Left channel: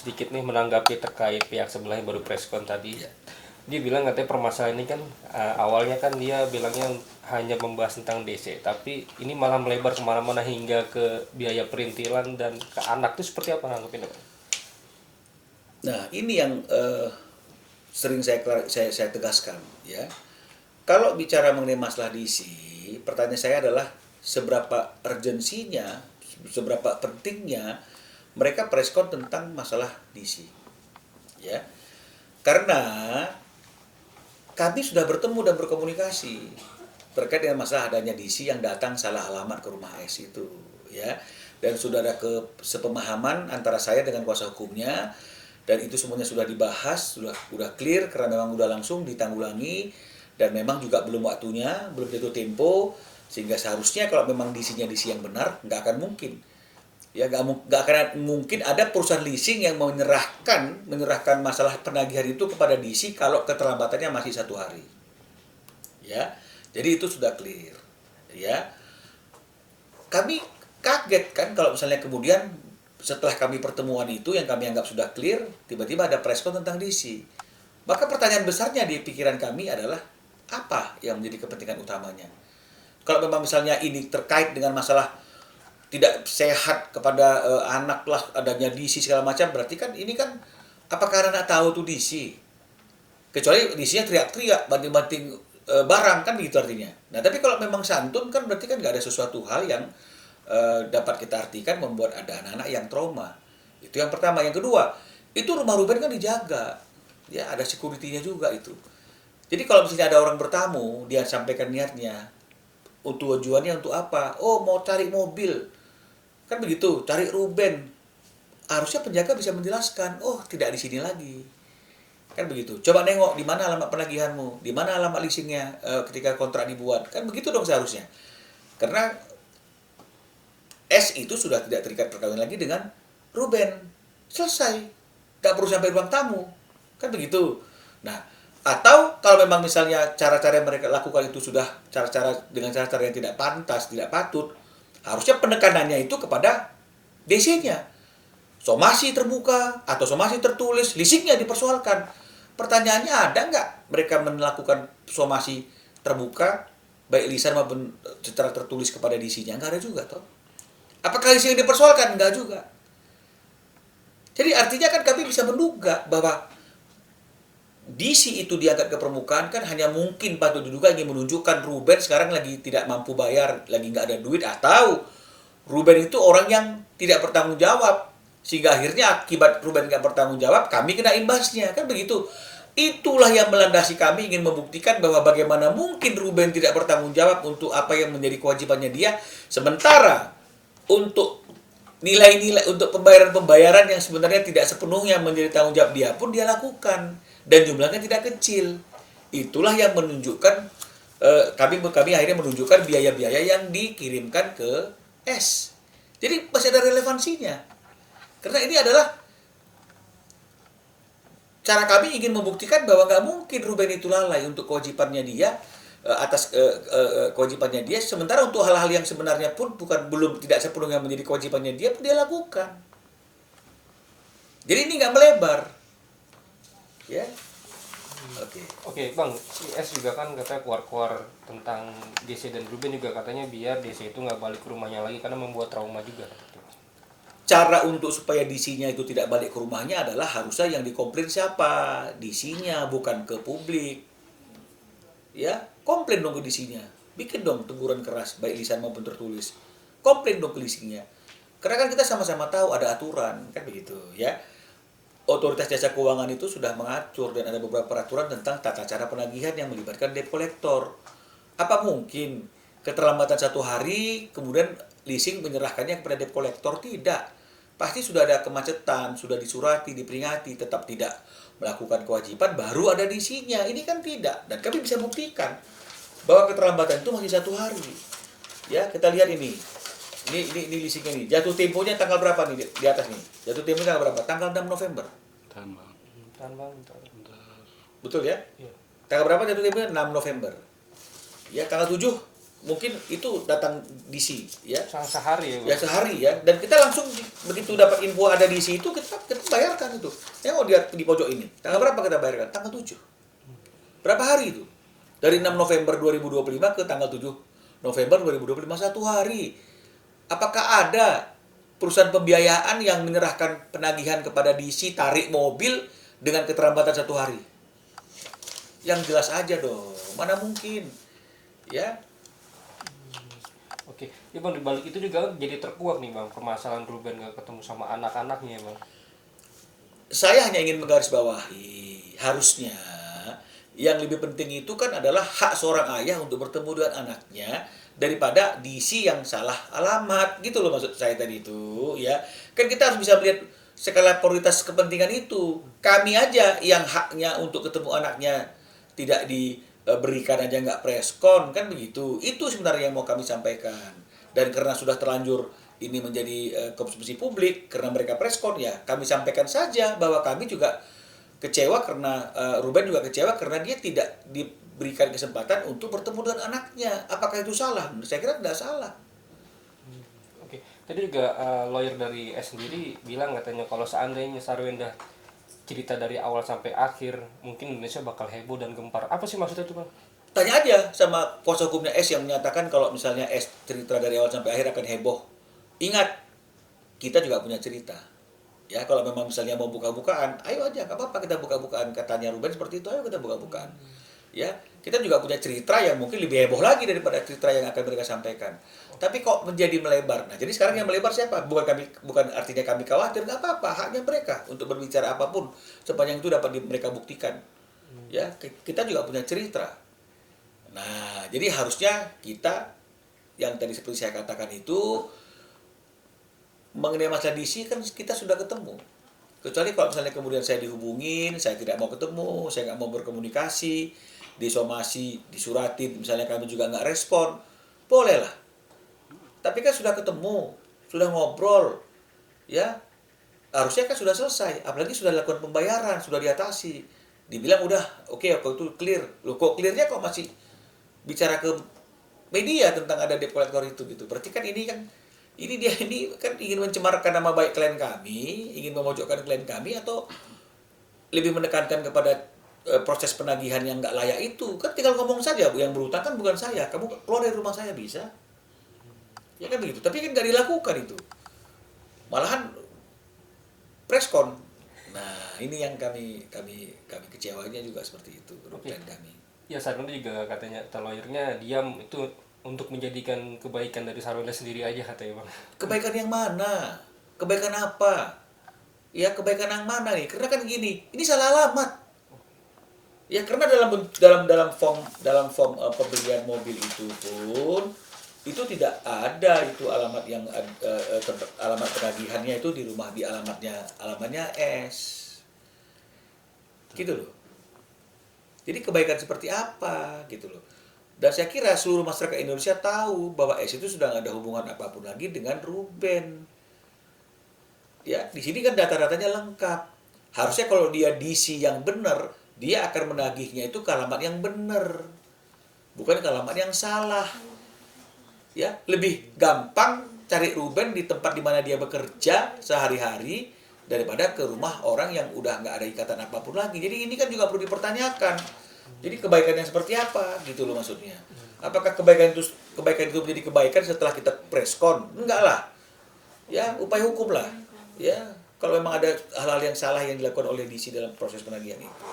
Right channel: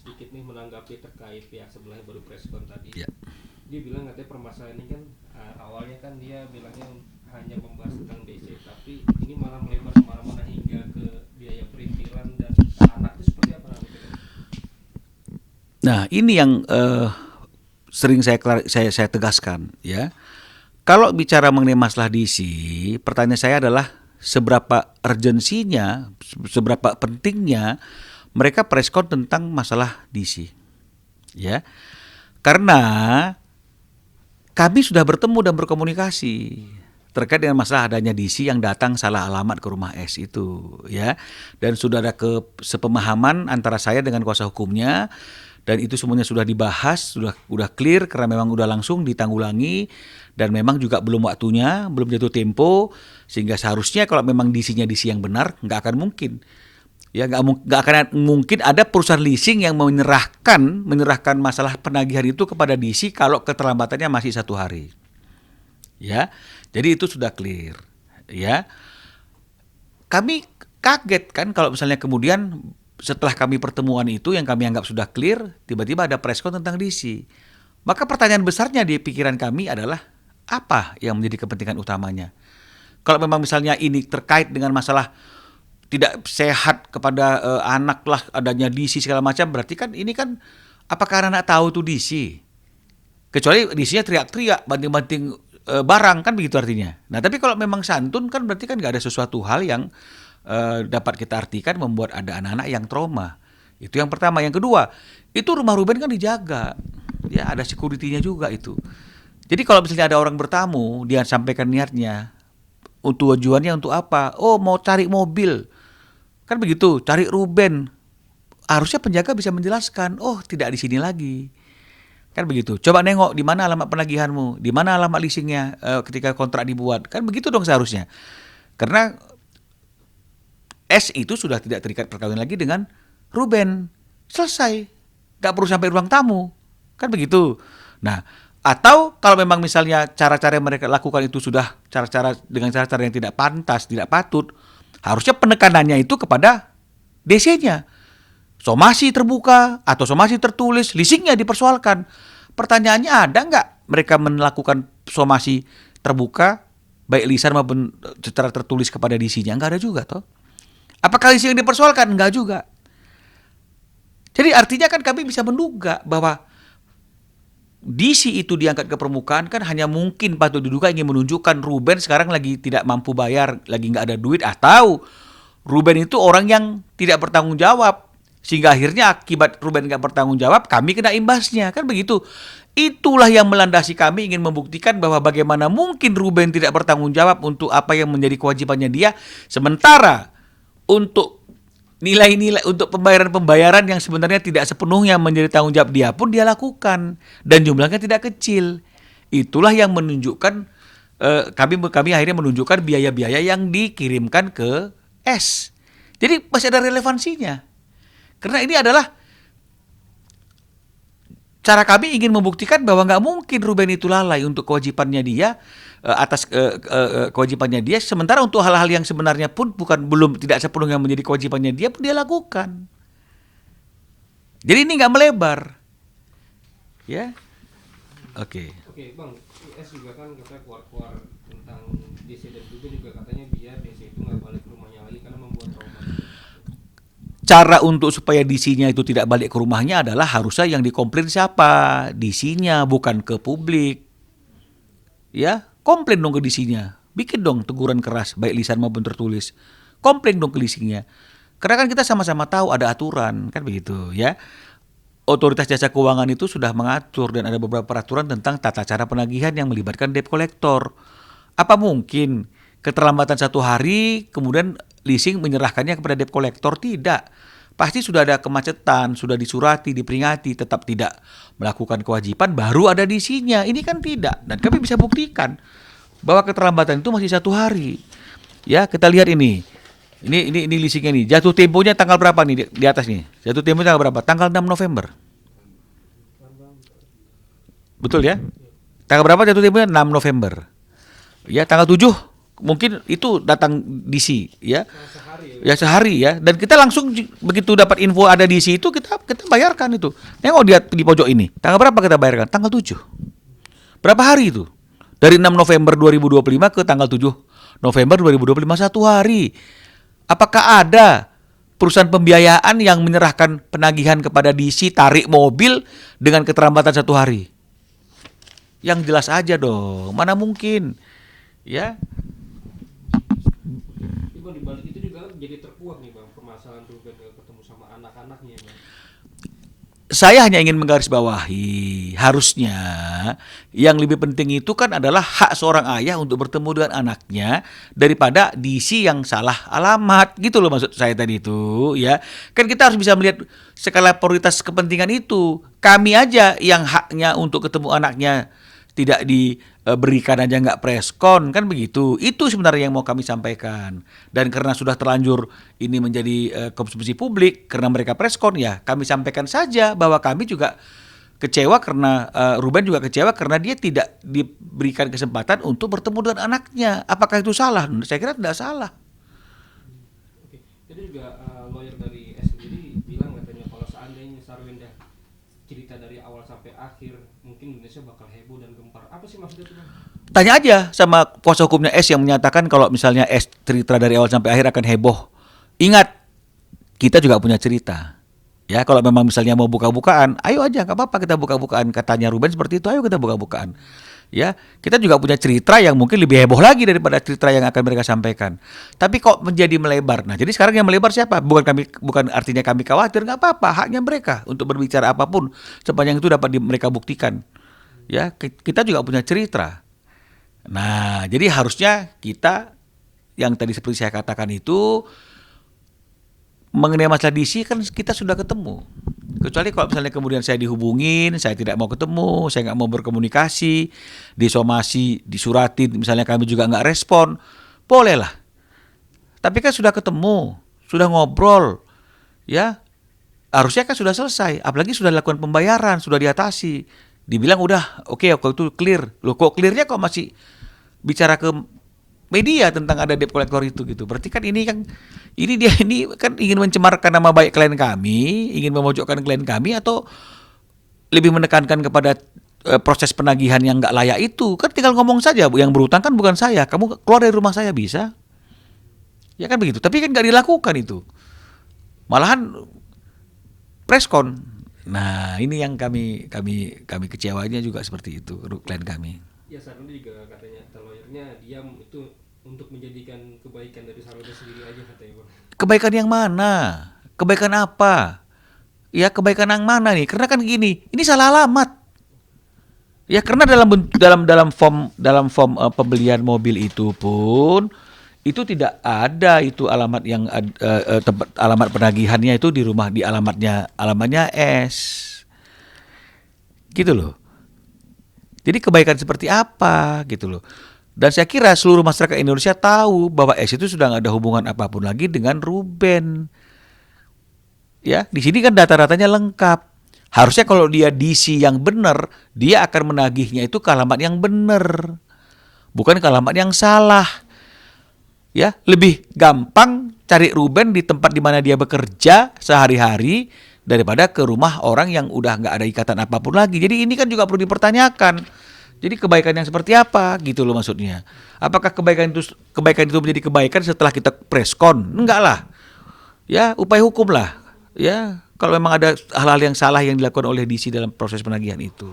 sedikit nih menanggapi terkait pihak sebelah yang baru preskon tadi. Ya. Dia bilang katanya permasalahan ini kan awalnya kan dia bilangnya hanya membahas tentang DC, tapi ini malah melebar kemana-mana hingga ke biaya perintilan dan ke anak. Itu seperti apa nanggepin? Nah, ini yang sering saya tegaskan, ya. Kalau bicara mengenai masalah DC, pertanyaan saya adalah seberapa urgensinya, seberapa pentingnya mereka preskon tentang masalah DC, ya. Karena kami sudah bertemu dan berkomunikasi terkait dengan masalah adanya DC yang datang salah alamat ke rumah S itu, ya. Dan sudah ada sepemahaman antara saya dengan kuasa hukumnya, dan itu semuanya sudah dibahas, sudah clear karena memang udah langsung ditanggulangi dan memang juga belum waktunya, belum jatuh tempo, sehingga seharusnya kalau memang DC-nya DC yang benar, nggak akan mungkin. Ya, nggak akan mungkin ada perusahaan leasing yang menyerahkan masalah penagihan itu kepada DC kalau keterlambatannya masih 1 hari. Ya, jadi itu sudah clear. Ya, kami kaget kan kalau misalnya kemudian setelah kami pertemuan itu yang kami anggap sudah clear, tiba-tiba ada preskon tentang DC. Maka pertanyaan besarnya di pikiran kami adalah apa yang menjadi kepentingan utamanya? Kalau memang misalnya ini terkait dengan masalah tidak sehat kepada anak lah adanya DC segala macam, berarti kan ini kan apakah anak tahu tuh DC? Kecuali DC-nya teriak-teriak banting-banting barang kan begitu artinya. Nah, tapi kalau memang santun kan berarti kan nggak ada sesuatu hal yang dapat kita artikan membuat ada anak-anak yang trauma. Itu yang pertama. Yang kedua, itu rumah Ruben kan dijaga. Ya, ada security-nya juga itu. Jadi kalau misalnya ada orang bertamu, dia sampaikan niatnya, untuk tujuannya untuk apa? Oh, mau cari mobil. Kan begitu, cari Ruben. Harusnya penjaga bisa menjelaskan, oh tidak di sini lagi. Kan begitu. Coba nengok di mana alamat penagihanmu, di mana alamat leasingnya ketika kontrak dibuat. Kan begitu dong seharusnya. Karena S itu sudah tidak terikat perkawinan lagi dengan Ruben. Selesai. Gak perlu sampai ruang tamu. Kan begitu. Nah, atau kalau memang misalnya cara-cara yang mereka lakukan itu sudah dengan cara-cara yang tidak pantas, tidak patut, harusnya penekanannya itu kepada DC-nya. Somasi terbuka atau somasi tertulis, leasingnya dipersoalkan. Pertanyaannya, ada nggak mereka melakukan somasi terbuka, baik lisan maupun secara tertulis kepada DC-nya? Nggak ada juga, toh. Apakah leasing yang dipersoalkan? Nggak juga. Jadi artinya kan kami bisa menduga bahwa DC itu diangkat ke permukaan kan hanya mungkin patut diduga ingin menunjukkan Ruben sekarang lagi tidak mampu bayar, lagi nggak ada duit, atau Ruben itu orang yang tidak bertanggung jawab. Sehingga akhirnya akibat Ruben nggak bertanggung jawab, kami kena imbasnya. Kan begitu. Itulah yang melandasi kami ingin membuktikan bahwa bagaimana mungkin Ruben tidak bertanggung jawab untuk apa yang menjadi kewajibannya dia. Sementara untuk nilai-nilai untuk pembayaran-pembayaran yang sebenarnya tidak sepenuhnya menjadi tanggung jawab dia pun dia lakukan. Dan jumlahnya tidak kecil. Itulah yang menunjukkan, kami akhirnya menunjukkan biaya-biaya yang dikirimkan ke S. Jadi masih ada relevansinya. Karena ini adalah cara kami ingin membuktikan bahwa nggak mungkin Ruben itu lalai untuk kewajibannya dia, atas kewajibannya dia, sementara untuk hal-hal yang sebenarnya pun belum tidak sepenuhnya menjadi kewajibannya dia pun dia lakukan. Jadi ini nggak melebar, ya. Oke. Oke bang, si S juga kan katanya keluar-keluar tentang DC dan Ruben juga katanya biar DC itu nggak balik ke rumahnya lagi karena membuat trauma juga. Cara untuk supaya DC-nya itu tidak balik ke rumahnya adalah harusnya yang dikomplain siapa? DC-nya, bukan ke publik. Ya, komplain dong ke DC-nya. Bikin dong teguran keras, baik lisan maupun tertulis. Komplain dong ke leasingnya. Karena kan kita sama-sama tahu ada aturan, kan begitu ya. Otoritas Jasa Keuangan itu sudah mengatur dan ada beberapa peraturan tentang tata cara penagihan yang melibatkan debt collector. Apa mungkin keterlambatan 1 hari kemudian leasing menyerahkannya kepada debt collector? Tidak. Pasti sudah ada kemacetan, sudah disurati, diperingati, tetap tidak melakukan kewajiban, baru ada DC-nya. Ini kan tidak. Dan kami bisa buktikan bahwa keterlambatan itu masih 1 hari. Ya, kita lihat ini. Ini leasingnya nih. Jatuh temponya tanggal berapa nih di atas nih? Jatuh temponya tanggal berapa? Tanggal 6 November. Betul ya? Tanggal berapa jatuh temponya? 6 November. Ya, tanggal 7 mungkin itu datang DC ya. Sehari Ya sehari ya, dan kita langsung begitu dapat info ada DC itu kita bayarkan itu. Nengok dia di pojok ini. Tanggal berapa kita bayarkan? Tanggal 7. Berapa hari itu? Dari 6 November 2025 ke tanggal 7 November 2025, 1 hari. Apakah ada perusahaan pembiayaan yang menyerahkan penagihan kepada DC tarik mobil dengan keterlambatan 1 hari? Yang jelas aja dong, mana mungkin. Ya, Oke, ya Bang, di balik itu juga jadi terkuak nih Bang, permasalahan Ruben gak ketemu sama anak-anaknya ya Bang. saya hanya ingin menggarisbawahi, harusnya yang lebih penting itu kan adalah hak seorang ayah untuk bertemu dengan anaknya daripada DC yang salah alamat, gitu loh maksud saya tadi itu, ya. Kan kita harus bisa melihat skala prioritas kepentingan itu. Kami aja yang haknya untuk ketemu anaknya tidak diberikan aja nggak preskon, kan begitu. Itu sebenarnya yang mau kami sampaikan. Dan karena sudah terlanjur ini menjadi konsumsi publik karena mereka preskon, ya kami sampaikan saja bahwa kami juga kecewa karena Ruben juga kecewa karena dia tidak diberikan kesempatan untuk bertemu dengan anaknya. Apakah itu salah? Saya kira tidak salah. Oke, tadi juga lawyer dari S sendiri bilang katanya kalau seandainya Sarwenda cerita dari awal sampai akhir, mungkin Indonesia bakal heboh dan gempar. Apa sih maksudnya itu Bang? Tanya aja sama kuasa hukumnya S yang menyatakan kalau misalnya S cerita dari awal sampai akhir akan heboh. Ingat, kita juga punya cerita. Ya, kalau memang misalnya mau buka-bukaan, ayo aja, nggak apa-apa kita buka-bukaan. Katanya Ruben seperti itu, ayo kita buka-bukaan. Ya, kita juga punya cerita yang mungkin lebih heboh lagi daripada cerita yang akan mereka sampaikan. Tapi kok menjadi melebar. Nah, jadi sekarang yang melebar siapa? Bukan artinya kami khawatir, nggak apa-apa, haknya mereka untuk berbicara apapun sepanjang itu dapat mereka buktikan. Ya, kita juga punya cerita. Nah, jadi harusnya kita yang tadi seperti saya katakan itu mengenai masalah DC kan kita sudah ketemu. Kecuali kalau misalnya kemudian saya dihubungin, saya tidak mau ketemu, saya nggak mau berkomunikasi, disomasi, disuratin, misalnya kami juga nggak respon, bolehlah. Tapi kan sudah ketemu, sudah ngobrol, ya harusnya kan sudah selesai. Apalagi sudah dilakukan pembayaran, sudah diatasi. Dibilang udah, oke, itu clear. Loh kok clearnya kok masih bicara ke media tentang ada debt collector itu gitu. Berarti kan ini kan ingin mencemarkan nama baik klien kami, ingin memojokkan klien kami, atau lebih menekankan kepada proses penagihan yang nggak layak itu. Kan tinggal ngomong saja, Bu, yang berutang kan bukan saya. Kamu keluar dari rumah saya bisa. Ya kan begitu. Tapi kan nggak dilakukan itu. Malahan preskon. Nah, ini yang kami kecewanya juga seperti itu, klien kami. Ya Sarwenda juga katanya lawyernya diam itu untuk menjadikan kebaikan dari Sarwenda sendiri aja katanya Bang. Kebaikan yang mana? Kebaikan apa? Ya kebaikan yang mana nih? Karena kan gini, ini salah alamat. Ya karena dalam form pembelian mobil itu pun itu tidak ada itu alamat yang tempat alamat penagihannya itu di alamatnya S. Gitu loh. Jadi kebaikan seperti apa gitu loh. Dan saya kira seluruh masyarakat Indonesia tahu bahwa S itu sudah nggak ada hubungan apapun lagi dengan Ruben. Ya, di sini kan data-datanya lengkap. Harusnya kalau dia DC yang benar, dia akan menagihnya itu ke alamat yang benar. Bukan ke alamat yang salah. Ya, lebih gampang cari Ruben di tempat di mana dia bekerja sehari-hari daripada ke rumah orang yang udah nggak ada ikatan apapun lagi. Jadi ini kan juga perlu dipertanyakan. Jadi kebaikan yang seperti apa gitu loh maksudnya. Apakah kebaikan itu menjadi kebaikan setelah kita preskon? Enggak lah. Ya, upaya hukum lah. Ya, kalau memang ada hal-hal yang salah yang dilakukan oleh DC dalam proses penagihan itu.